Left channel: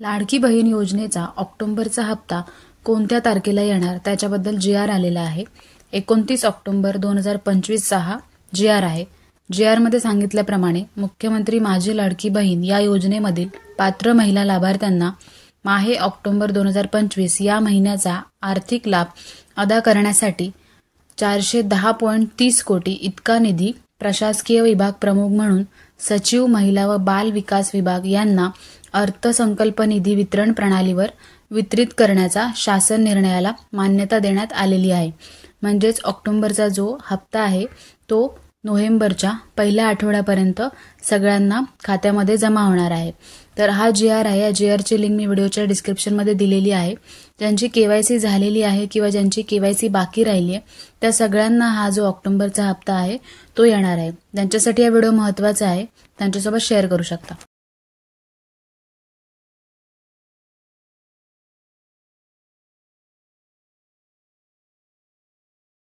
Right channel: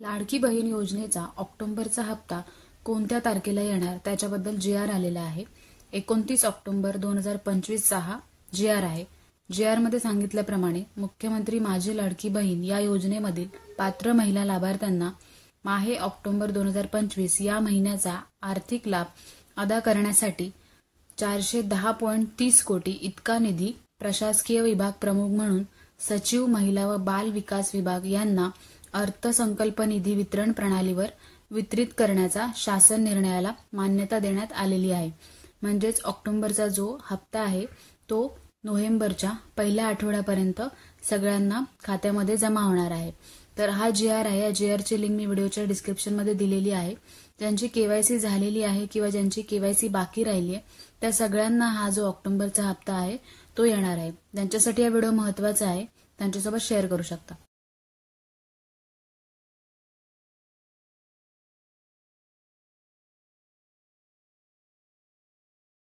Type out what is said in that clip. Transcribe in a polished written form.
लाडकी बहीण योजनेचा ऑक्टोबरचा हप्ता कोणत्या तारखेला येणार त्याच्याबद्दल GR आलेला आहे. 29 ऑक्टोबर 2025 हा GR आहे. GR मध्ये सांगितल्याप्रमाणे मुख्यमंत्री माझी लाडकी बहीण या योजनेमधील पात्र महिला लाभार्थ्यांना माहे ऑक्टोबर 2025 या महिन्याचा आर्थिक लाभ अदा करण्यासाठी 410.30 कोटी इतका निधी प्रशासकीय विभाग प्रमुख म्हणून सचिव महिला व बाल विकास विभाग यांना अर्थसंकल्प निधी वितरण प्रणालीवर वितरित करण्याचा शासन निर्णयाला मान्यता देण्यात आलेली आहे. म्हणजेच ऑक्टोबरचा जो हप्ता आहे तो नोव्हेंबरच्या पहिल्या आठवड्यापर्यंत सगळ्यांना खात्यामध्ये जमा होणार आहे. तर हा GR आहे. या GRची लिंक मी व्हिडिओच्या डिस्क्रिप्शनमध्ये दिलेली आहे. ज्यांची KYC झालेली आहे किंवा ज्यांची KYC बाकी राहिली आहे त्या सगळ्यांना हा जो ऑक्टोबरचा हप्ता आहे तो येणार आहे. ज्यांच्यासाठी हा व्हिडिओ महत्त्वाचा आहे त्यांच्यासोबत शेअर करू शकता.